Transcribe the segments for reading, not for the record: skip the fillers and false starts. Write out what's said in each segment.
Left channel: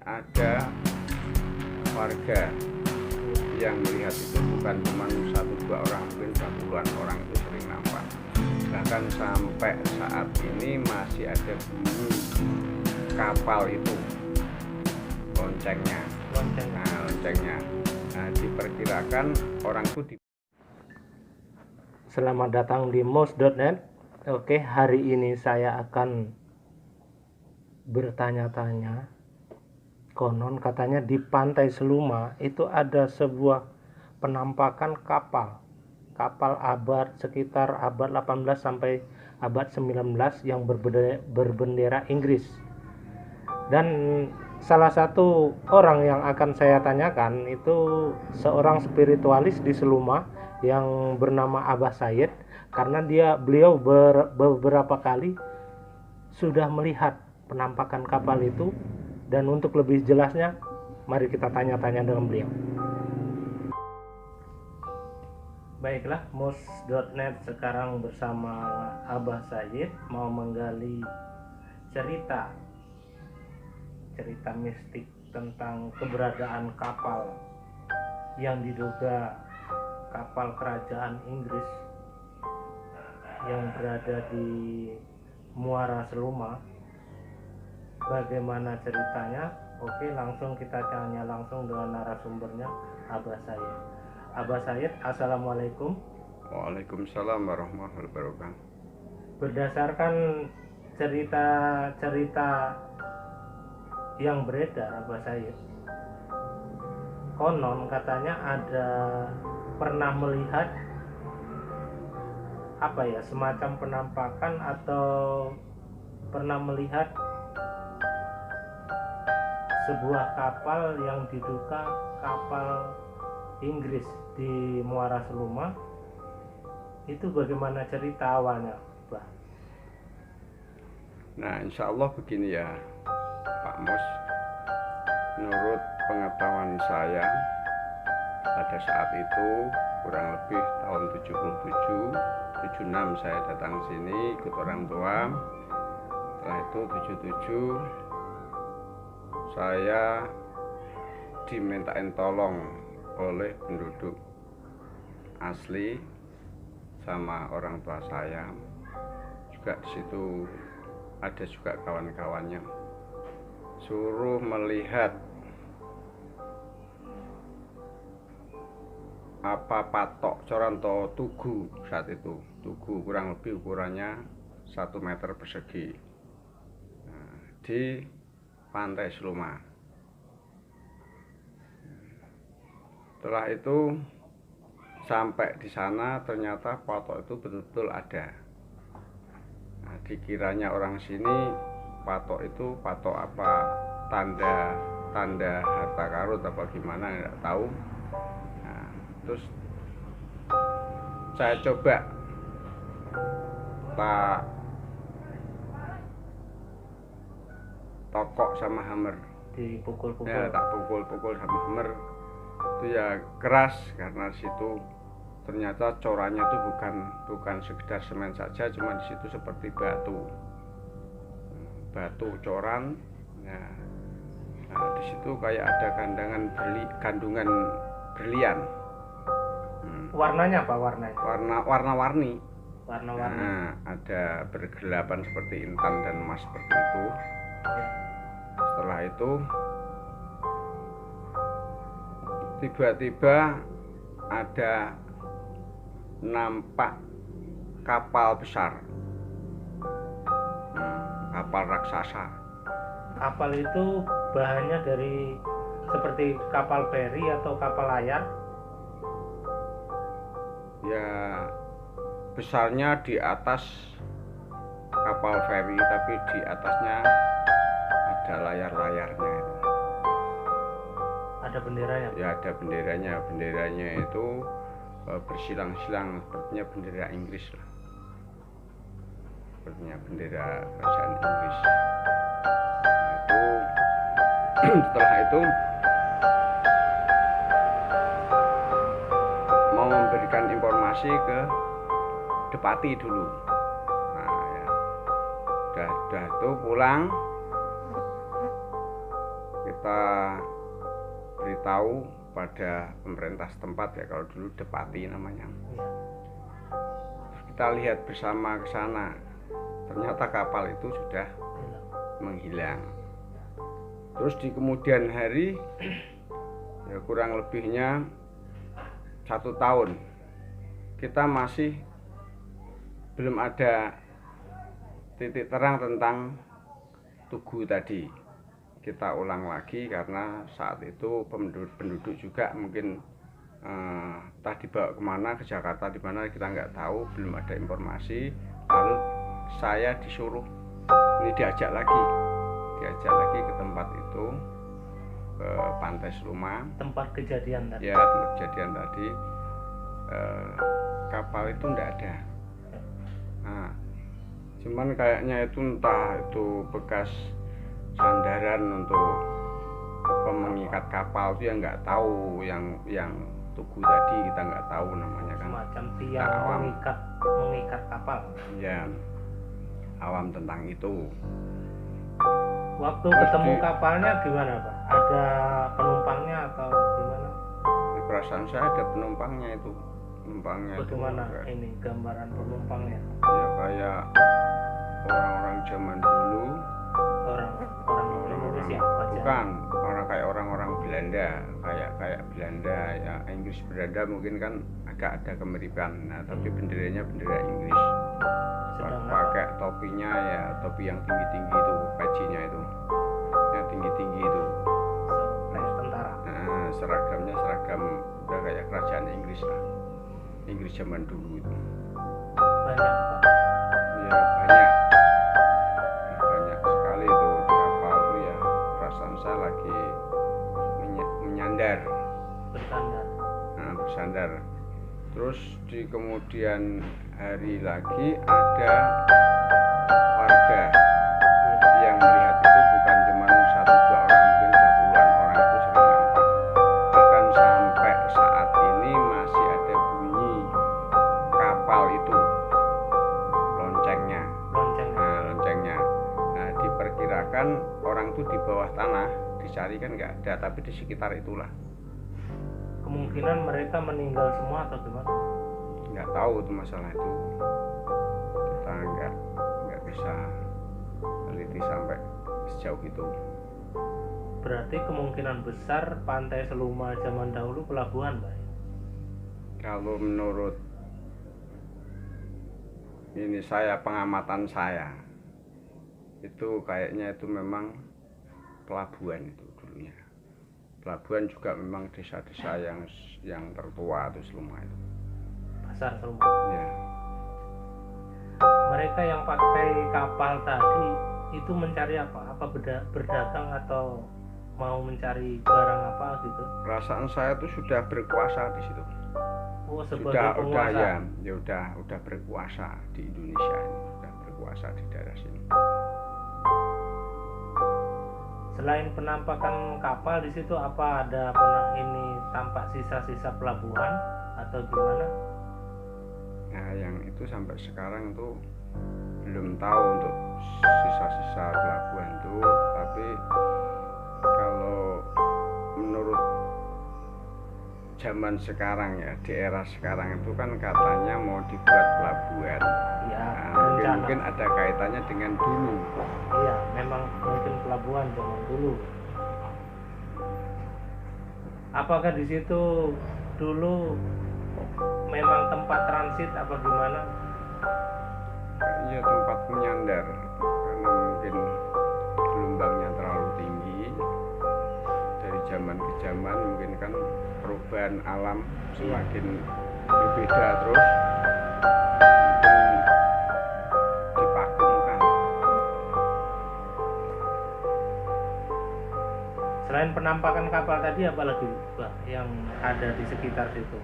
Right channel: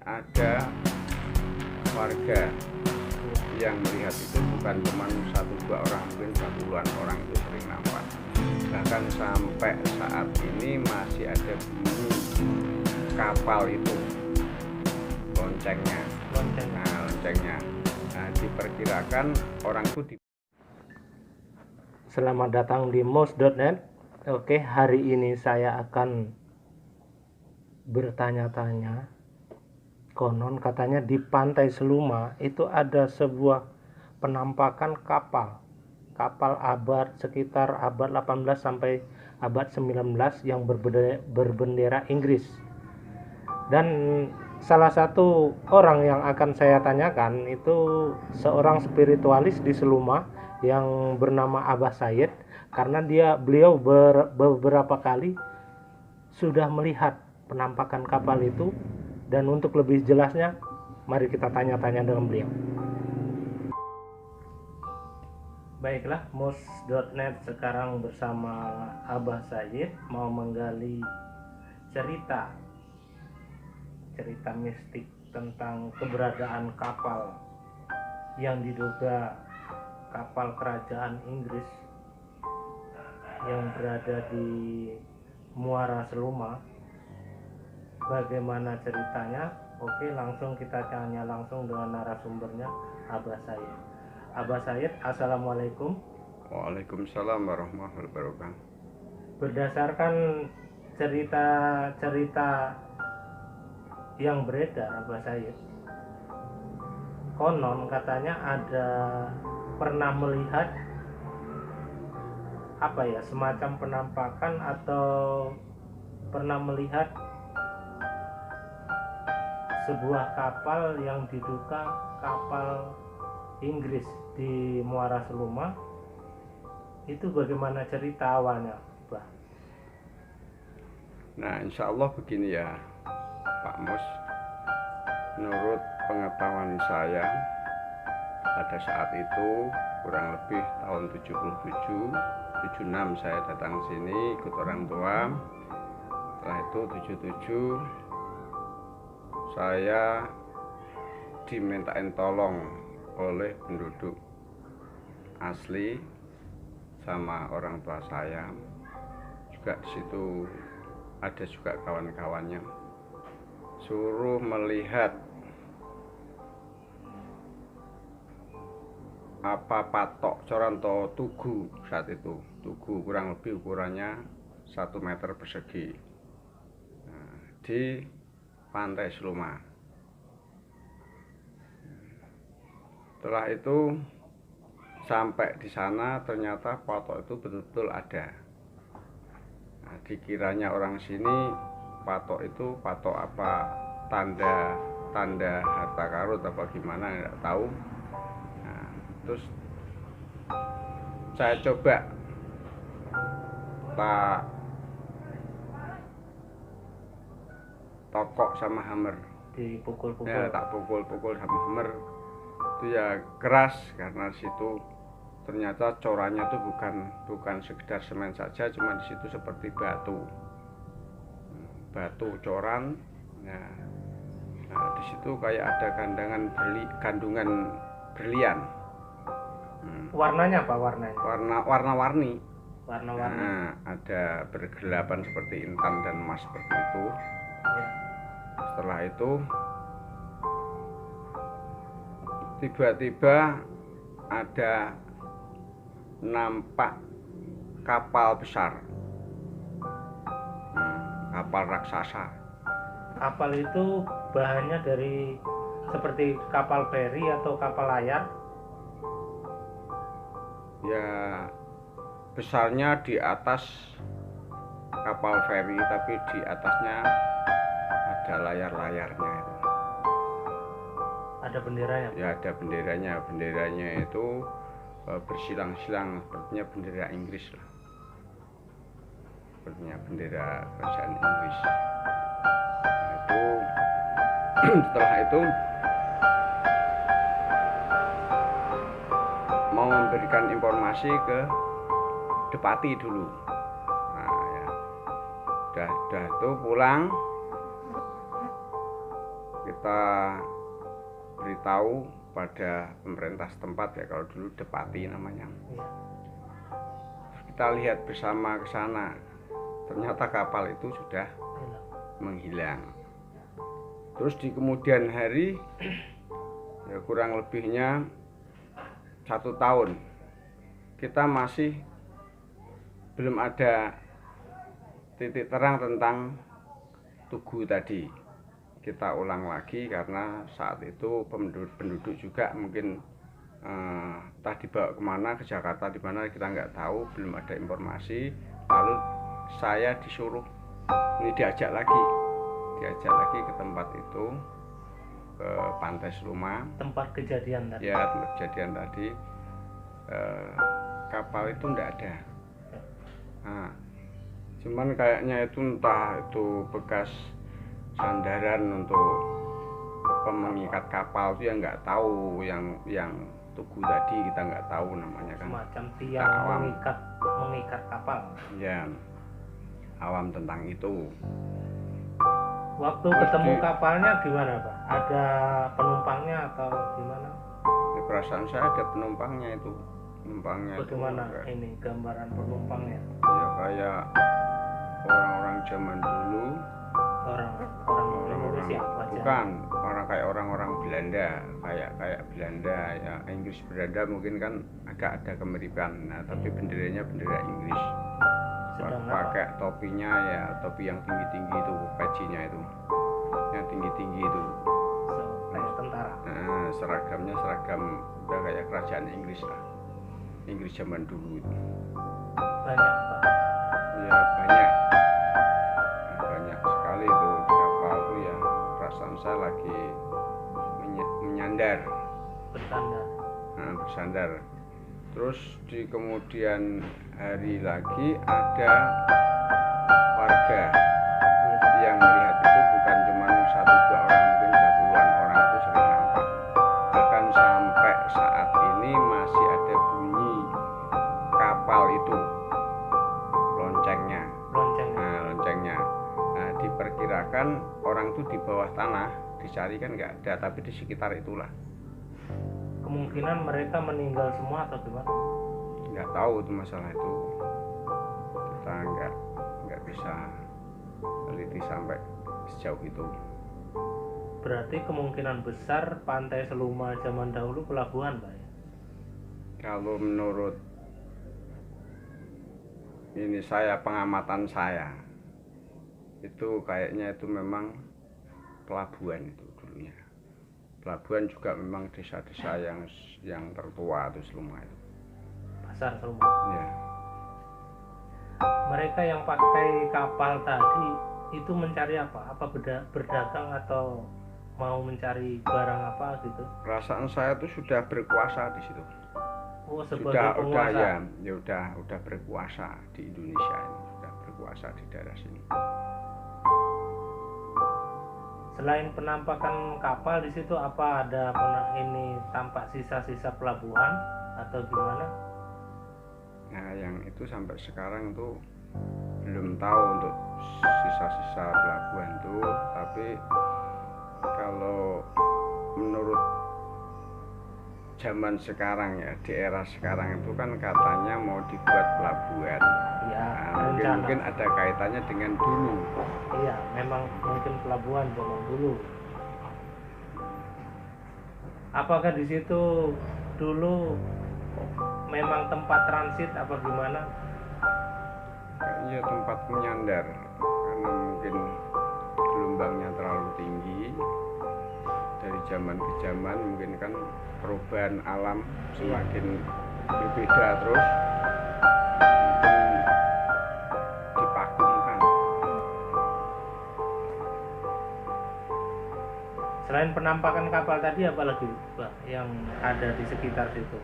Ada warga yang melihat itu bukan cuma satu dua orang, mungkin puluhan orang itu sering nampak. Bahkan sampai saat ini masih ada bunyi kapal itu, loncengnya. Nah, diperkirakan orang itu Selamat datang di mos.net. Oke, hari ini saya akan bertanya-tanya. Konon katanya di Pantai Seluma itu ada sebuah penampakan kapal sekitar abad 18 sampai abad 19 yang berbendera Inggris. Dan salah satu orang yang akan saya tanyakan itu seorang spiritualis di Seluma yang bernama Abah Said, karena beliau beberapa kali sudah melihat penampakan kapal itu. Dan untuk lebih jelasnya, mari kita tanya-tanya dengan beliau. Baiklah, mos.net sekarang bersama Abah Said mau menggali cerita mistik tentang keberadaan kapal yang diduga kapal kerajaan Inggris yang berada di Muara Seluma. Bagaimana ceritanya? Oke, langsung kita tanya langsung dengan narasumbernya, Abah Said. Abah Said, assalamualaikum. Waalaikumsalam warahmatullahi wabarakatuh. Berdasarkan cerita yang beredar, Abah Said, konon katanya ada pernah melihat semacam penampakan atau pernah melihat sebuah kapal yang diduga kapal Inggris di Muara Seluma. Itu bagaimana cerita awalnya, Pak? Nah, insya Allah begini ya, Pak Mus. Menurut pengetahuan saya, pada saat itu kurang lebih tahun 77, 76 saya datang sini ikut orang tua. Setelah itu 77 saya dimintain tolong oleh penduduk asli sama orang tua saya. Juga di situ ada juga kawan-kawannya. Suruh melihat patok coranto tugu saat itu. Tugu kurang lebih ukurannya 1 meter persegi. Nah, di Pantai Seluma. Setelah itu sampai di sana ternyata patok itu betul-betul ada. Nah, dikiranya orang sini patok itu patok apa, tanda harta karun apa gimana, nggak tahu. Nah, terus saya coba tokok sama hammer, Dipukul-pukul. ya tak pukul-pukul sama hammer itu ya keras, karena situ ternyata corannya itu bukan sekedar semen saja, cuma di situ seperti batu coran. Nah, di situ kayak ada kandungan berlian. Warnanya apa? Warna-warni. Warna-warni. Nah, ada bergelapan seperti intan dan emas seperti itu. Ya. Setelah itu tiba-tiba ada nampak kapal besar, kapal raksasa. Kapal itu bahannya dari seperti kapal feri atau kapal layar? Ya, besarnya di atas kapal feri, tapi di atasnya ada layar-layarnya itu. Ada benderanya? Ya, ada benderanya. Benderanya itu bersilang-silang, sepertinya bendera Inggris lah. Sepertinya bendera kerajaan Inggris. Nah, itu setelah itu mau memberikan informasi ke Depati dulu. Nah, ya udah itu pulang kita beritahu pada pemerintah setempat ya, kalau dulu Depati namanya. Kita lihat bersama ke sana, ternyata kapal itu sudah menghilang. Terus di kemudian hari, ya kurang lebihnya 1 tahun, kita masih belum ada titik terang tentang Tugu tadi. Kita ulang lagi karena saat itu penduduk juga mungkin entah dibawa kemana, ke Jakarta di mana kita nggak tahu, belum ada informasi. Lalu saya disuruh ini diajak lagi ke tempat itu, ke Pantai Seluma, tempat kejadian tadi. Ya, tempat kejadian tadi. Kapal itu nggak ada. Nah, cuman kayaknya itu entah itu bekas sandaran untuk mengikat kapal itu, yang nggak tahu, yang Tugu tadi kita nggak tahu namanya kan. Semacam tiang mengikat kapal. Ya, awam tentang itu. Waktu ketemu kapalnya gimana Pak? Ada penumpangnya atau gimana? Ya, perasaan saya ada penumpangnya itu. Bagaimana ini gambaran penumpangnya? Ya kayak orang-orang zaman dulu. Orang Indonesia wajah. Bukan, kayak orang-orang Belanda, kayak Belanda ya, Inggris Belanda mungkin kan agak ada kemiripan. Nah, tapi benderanya bendera Inggris. Pakai topinya ya, topi yang tinggi-tinggi itu, pecinya itu. Yang tinggi-tinggi itu. Kayak tentara. Nah, seragamnya seragam udah kayak kerajaan Inggris lah. Inggris zaman dulu itu. Banyak Pak. Ya banyak. Banyak sekali itu di kapal itu ya. Perasaan saya lagi menyandar. Bersandar. Terus di kemudian hari lagi ada warga yang melihat itu, bukan cuma 1-2 orang, mungkin udah puluhan orang itu sering nampak. Bahkan sampai saat ini masih ada bunyi kapal itu, loncengnya. Nah, diperkirakan orang itu di bawah tanah, dicari kan nggak ada, tapi di sekitar itulah. Kemungkinan mereka meninggal semua atau gimana? Nggak tahu itu masalah itu, kita nggak bisa teliti sampai sejauh itu. Berarti kemungkinan besar Pantai Seluma zaman dahulu pelabuhan, Pak? Kalau menurut ini pengamatan saya, itu kayaknya itu memang pelabuhan itu dulunya. Pelabuhan juga memang desa-desa yang tertua itu Seluma itu. Pasar Seluma. Ya. Mereka yang pakai kapal tadi itu mencari apa? Apa berdagang atau mau mencari barang apa gitu? Perasaan saya itu sudah berkuasa di situ. Oh, sebagai penguasa. Udah berkuasa di Indonesia ini, sudah berkuasa di daerah sini. Selain penampakan kapal di situ, apa ada ini tampak sisa-sisa pelabuhan atau gimana? Nah, yang itu sampai sekarang itu belum tahu untuk sisa-sisa pelabuhan itu, tapi kalau menurut zaman sekarang ya, di era sekarang itu kan katanya mau dibuat pelabuhan. Ya, nah, mungkin ada kaitannya dengan dulu. Iya, memang mungkin pelabuhan zaman dulu. Apakah di situ dulu memang tempat transit apa gimana? Iya, tempat menyandar, karena mungkin gelombangnya terlalu tinggi. Dari zaman ke zaman mungkin kan perubahan alam semakin berbeda, terus mungkin divakumkan. Selain penampakan kapal tadi, apa lagi Pak yang ada di sekitar situ?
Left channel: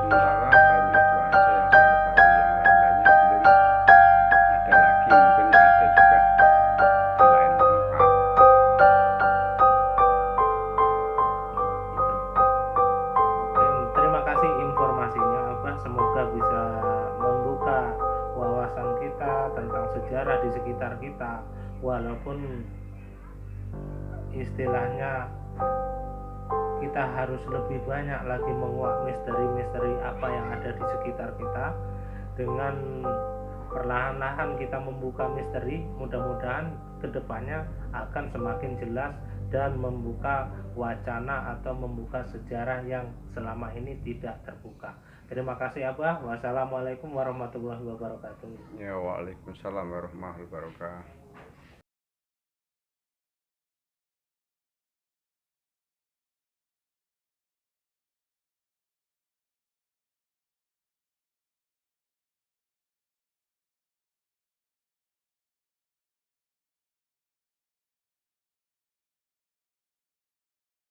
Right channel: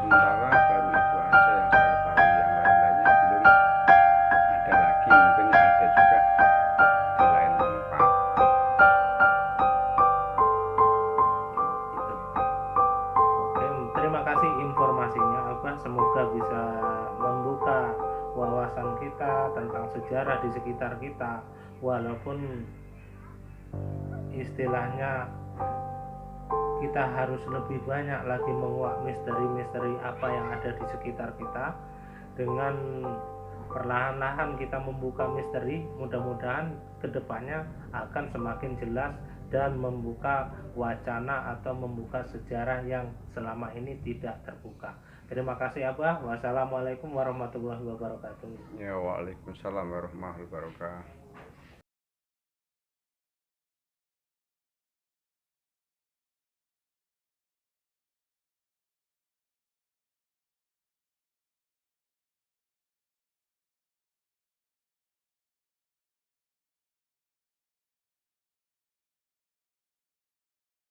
Sementara baru itu aja yang saya ketahui, yang lain-lainnya belum ada lagi, mungkin ada juga di lain tempat. Oke, terima kasih informasinya Abah, semoga bisa membuka wawasan kita tentang sejarah di sekitar kita, walaupun istilahnya kita harus lebih banyak lagi menguak misteri-misteri apa yang ada di sekitar kita. Dengan perlahan-lahan kita membuka misteri, mudah-mudahan kedepannya akan semakin jelas dan membuka wacana atau membuka sejarah yang selama ini tidak terbuka. Terima kasih Abah. Wassalamualaikum warahmatullahi wabarakatuh. Ya, waalaikumsalam warahmatullahi wabarakatuh.